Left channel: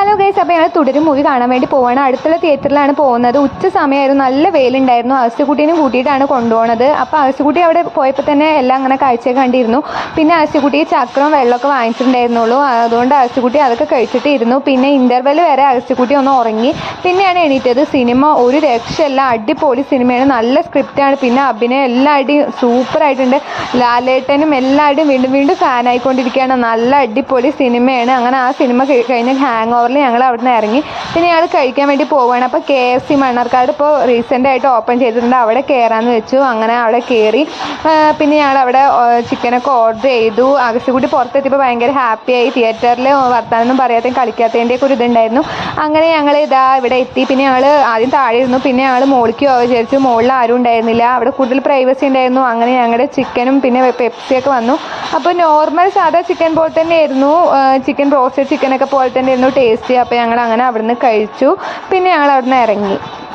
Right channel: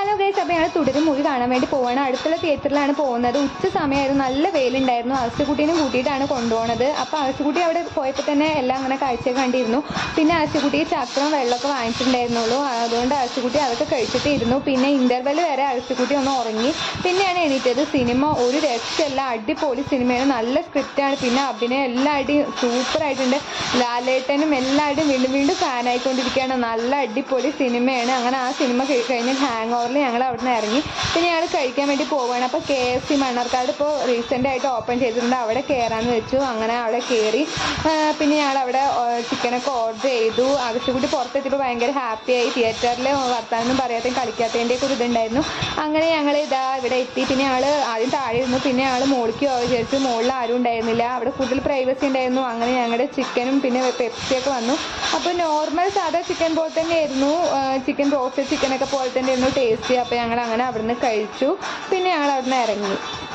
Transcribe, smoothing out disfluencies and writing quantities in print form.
Hello guys, അപ്പോൾ ഞങ്ങൾ തുടരും മൂവി കാണാൻ വേണ്ടി പോവാണ്. അടുത്തുള്ള തിയേറ്ററിലാണ് പോകുന്നത്. ഉച്ച സമയമായിരുന്നു, നല്ല വെയിലുണ്ടായിരുന്നു. അഗസ്ത്യക്കുട്ടീനും കൂട്ടിയിട്ടാണ് കൊണ്ടുപോകുന്നത്. അപ്പോൾ അഗസ്ത്യക്കുട്ടി അവിടെ പോയപ്പോൾ തന്നെ എല്ലാം അങ്ങനെ കാഴ്ച കണ്ടിരുന്നു. പിന്നെ അഗസ്ത്യക്കുട്ടി ചക്രവും വെള്ളമൊക്കെ വാങ്ങിച്ചിട്ടുണ്ടായിരുന്നുള്ളൂ. അതുകൊണ്ട് അഗസ്ത്യക്കുട്ടി അതൊക്കെ കഴിച്ചിട്ട് ഇരുന്നു. പിന്നെ ഇൻ്റർവെൽ വരെ അഗസ്ത്യക്കുട്ടി ഒന്ന് ഉറങ്ങി. പിന്നെയാണ് എണീറ്റത്. സിനിമ ഒരു രക്ഷയല്ല, അടിപൊളി സിനിമയാണ്, നല്ല സ്ക്രിപ്റ്റാണ്. പിന്നെ അഭിനയം എല്ലാവരുടെയും സൂപ്പറായിട്ടുണ്ട്. ലാലേട്ടനും എല്ലാവരുടെയും വീണ്ടും വീണ്ടും ഫാനായിക്കൊണ്ടിരിക്കുകയാണ്. നല്ല അടിപൊളി സിനിമയാണ്. അങ്ങനെ ആ സിനിമ കഴിഞ്ഞ് ഹാങ് ഓവറിൽ ഞങ്ങൾ അവിടെ നിന്ന് ഇറങ്ങി. പിന്നെ ഞങ്ങൾ കഴിക്കാൻ വേണ്ടി പോവുകയാണ്. അപ്പോൾ KFC മണ്ണാർക്കാട് ഇപ്പോൾ റീസെൻ്റായിട്ട് ഓപ്പൺ ചെയ്തിട്ടുണ്ട്. അവിടെ കയറാമെന്ന് വെച്ചു. അങ്ങനെ അവിടെ കയറി. പിന്നെ ഞങ്ങൾ അവിടെ ചിക്കനൊക്കെ ഓർഡർ ചെയ്തു. അഗസ്ത്യക്കുട്ടി പുറത്തെത്തിയപ്പോൾ ഭയങ്കര ഹാപ്പിയായി. തിയേറ്ററിൽ വർത്താനൊന്നും പറയാത്തതും കളിക്കാത്തതിൻ്റെയൊക്കെ ഒരു ഇതുണ്ടായിരുന്നു. അങ്ങനെ ഞങ്ങൾ ഇതാ ഇവിടെ എത്തി. പിന്നെ ഞങ്ങൾ ആദ്യം താഴെ ഇരുന്നു. പിന്നെ ഞങ്ങൾ മുകളിലേക്ക് പോകാൻ വിചാരിച്ചു. മുകളിൽ ആരും ഉണ്ടായിരുന്നില്ല. അവിടെ കൂടുതൽ പ്രൈവസി ഉണ്ടായിരുന്നു. അങ്ങനെ ഞങ്ങളുടെ ചിക്കനും പിന്നെ പെപ്സിയൊക്കെ വന്നു. അപ്പോൾ നോർമൽ സാധാ ചിക്കൻ പോലെ തന്നെയായിരുന്നു. ചിക്കൻ റോസ്റ്റഡ് ചിക്കനൊക്കെ പോലെ തന്നെ ആയിരുന്നു ടേസ്റ്റ്. അപ്പോൾ ഞങ്ങൾ അങ്ങനെ അവിടെ നിന്ന് കഴിച്ചു. പിന്നെ ഞങ്ങൾ അവിടെ നിന്ന് ഇറങ്ങി.